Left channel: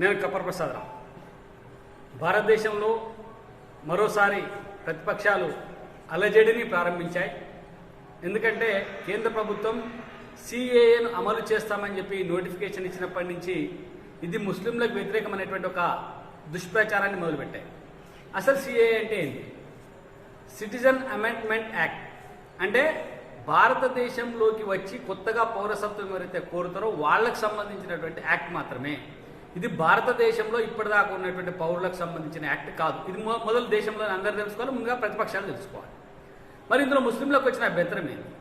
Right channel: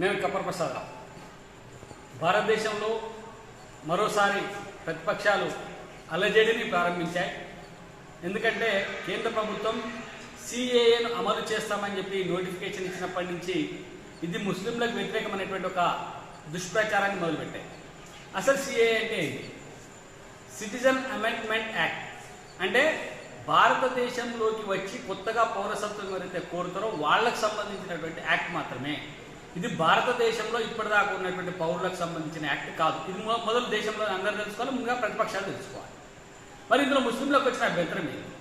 నేను కపర్ ప్రసాదరావు. భారతదేశంలో మరోసారి ప్రతిపక్షాలు అలజడిని ప్రారంభించాయి. ఎందుకంటే కేంద్ర ప్రభుత్వం సిఏఏను అమలు చేస్తామని చెప్పి నోటిఫికేషన్ ఇచ్చినప్పటి నుంచి ఇది ముస్లింలకు వ్యతిరేకమైనటువంటి ఒక దుష్ప్రచారాన్ని మొదలుపెట్టాయి. అసలు సిఏఏ అంటే ఏంటి? Citizen amendment act. అంటే భారతదేశంలోకి వచ్చి కొత్తగా పౌరసత్వం ఎవరైతే కోరుతారో వాళ్ళకు సంబంధించినటువంటి యాక్ట్ మాత్రమే. ఇది భారతదేశంలో ఇప్పటిదాకా ఉన్నటువంటి పౌరులకు సంబంధించిన యాక్ట్ కాదు. ఇది మొదలు దేశంలో అందరూ తెలుసుకోవాలి, ముందుగా ప్రతిపక్షాలు తెలుసుకోవాలి. మరి ఇందులో ముస్లింలకు వచ్చిన అభ్యంతరం ఏంటి?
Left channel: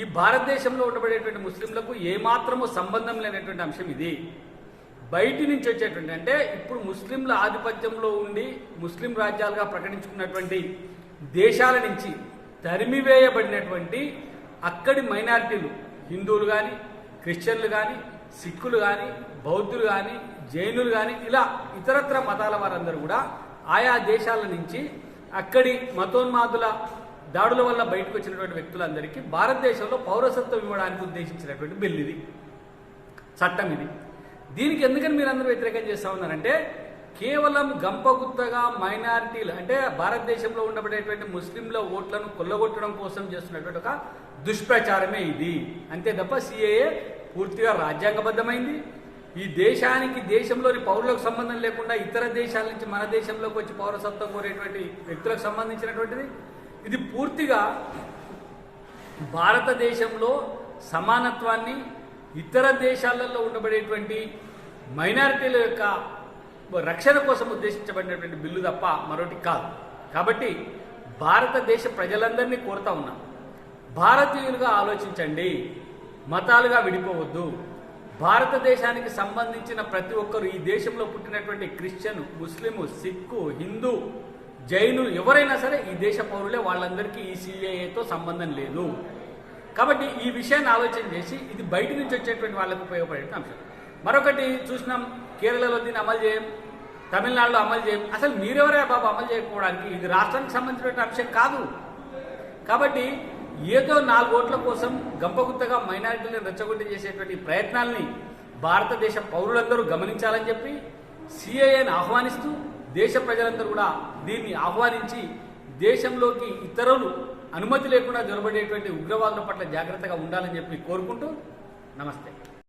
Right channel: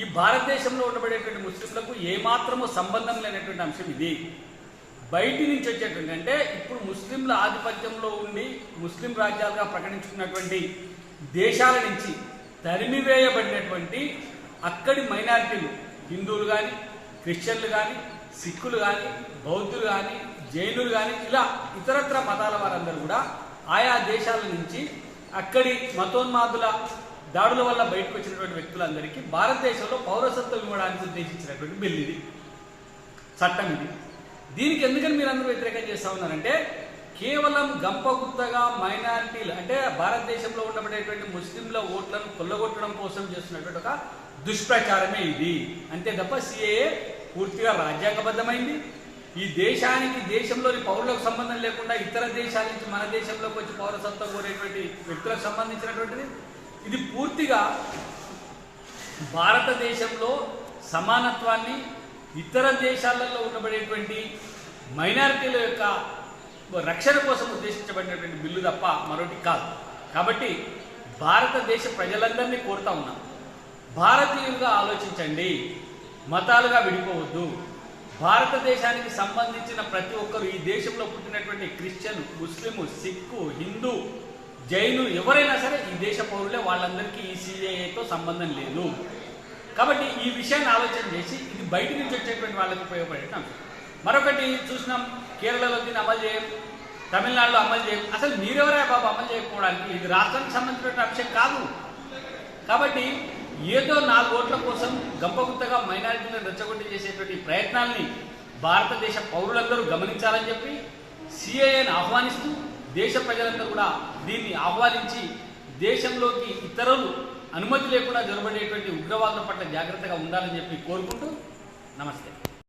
ఈ భారతదేశంలో ఉండబడేటువంటి ముస్లింలకు ఏమాత్రమూ సంబంధం లేనటువంటి అంశం ఇది. బయటి నుంచి వచ్చేటువంటి, అంటే ఇప్పుడు ముస్లింల ఆధిపత్యంలో ఉండి ముస్లిం రాజ్యాలుగా ప్రకటించుకున్నటువంటి దేశాల నుంచి తరిమివేయబడినటువంటి అక్కడి మైనారిటీలు, హిందువులు కానీ, క్రిస్టియన్లు కానీ, సిక్కులు కానీ, బౌద్ధులు కానీ, జైనులు కానీ, ఇలా ఇతరత్ర మతాల వారందరూ కూడా ఆయా దేశాల నుంచి అక్కడి మతోన్మాదుల దాడుల వల్ల బయటకు వచ్చినటువంటి వ్యక్తులందరికీ భారతదేశంలో పౌరసత్వం ఇవ్వడానికి ఉద్దేశించినటువంటి బిల్ ఇది, చట్టం ఇది. దీనికి ఎందుకని మీరు అందరూ వ్యతిరేకం చేస్తూ ఉన్నారంటే కేవలం గంపగుత్తగా మైనారిటీలు, అంటే భారతదేశంలో ఉండబడేటువంటి ముస్లింల ఓట్లను కొల్లగొట్టడం కోసం చేస్తున్నటువంటి ఒక దుష్ప్రచారమే ఇది, అంతే తప్ప సిఏఏ పూర్తిగా రాజ్యాంగబద్ధమైంది. ఈ దేశానికి, దేశంలోని పౌరులకు సంబంధం లేకుండా ఇతర దేశాల నుంచి మన దేశంలోకి వచ్చి పౌరసత్వం కోరేటువంటి వ్యక్తులకు సంబంధించినటువంటిది. ఇది పూర్తిగా భారతదేశంలో సమానత్వాన్ని, ఇతర దేశాలలో ఉండబడేటువంటి మైనారిటీల యొక్క రక్షణ కోసం ఉద్దేశించబడినటువంటి బిల్లు తప్ప మరొకటి కాదు. కాబట్టి భారతదేశ ప్రజలందరినీ కోరుతా ఉన్నాం, భారతీయులుగా ఆలోచించండి, మతాలుగా విడిపోవద్దు. భారతదేశానికి సంబంధించిన ప్రతి ఒక్కరు, ఈ దేశంలో పుట్టినటువంటి క్రిస్టియన్, ముస్లిము, సిక్కు, హిందూ, జైను ఎవరైనా సరే ఈ దేశ పౌరులే. వాళ్ళందరికీ ఈ సిఏఏతో సంబంధం లేదు. కాబట్టి ఈ విషయాన్ని ఆలోచన చేసి ఇది బయట నుంచి వచ్చేటువంటి వాళ్ళకు ఉపయోగపడే అంశం. మరొకటి చూసినాం, కేరళలో దీన్ని అమలు చేయం, తమిళనాడులో అమలు చేయం. అసలు మీరెవరే బాబు అమలు చేయకపోవడానికి? ఇది రాష్ట్రానికి సంబంధించిన అంశం కాదు. కాబట్టి ఏదో 4 ఓట్ల కోసం గంపగుత్తగా మైనారిటీలను రెచ్చగొట్టి చేసేటువంటి ప్రయత్నాల్ని భారతదేశ పౌరులందరూ గమనించాలని చెప్పి సిఏఏని ఆహ్వానిస్తూ దేశ ప్రజలందరూ కూడా దీన్ని ఆహ్వానించి దేశంలోకి ఇతరులు అనుమతి లేకుండా జరబడేటువంటి ఉగ్రవాదుల పట్ల జాగ్రత్తగా ఉండాలని చెప్పి కోరుకుంటూ నమస్తే.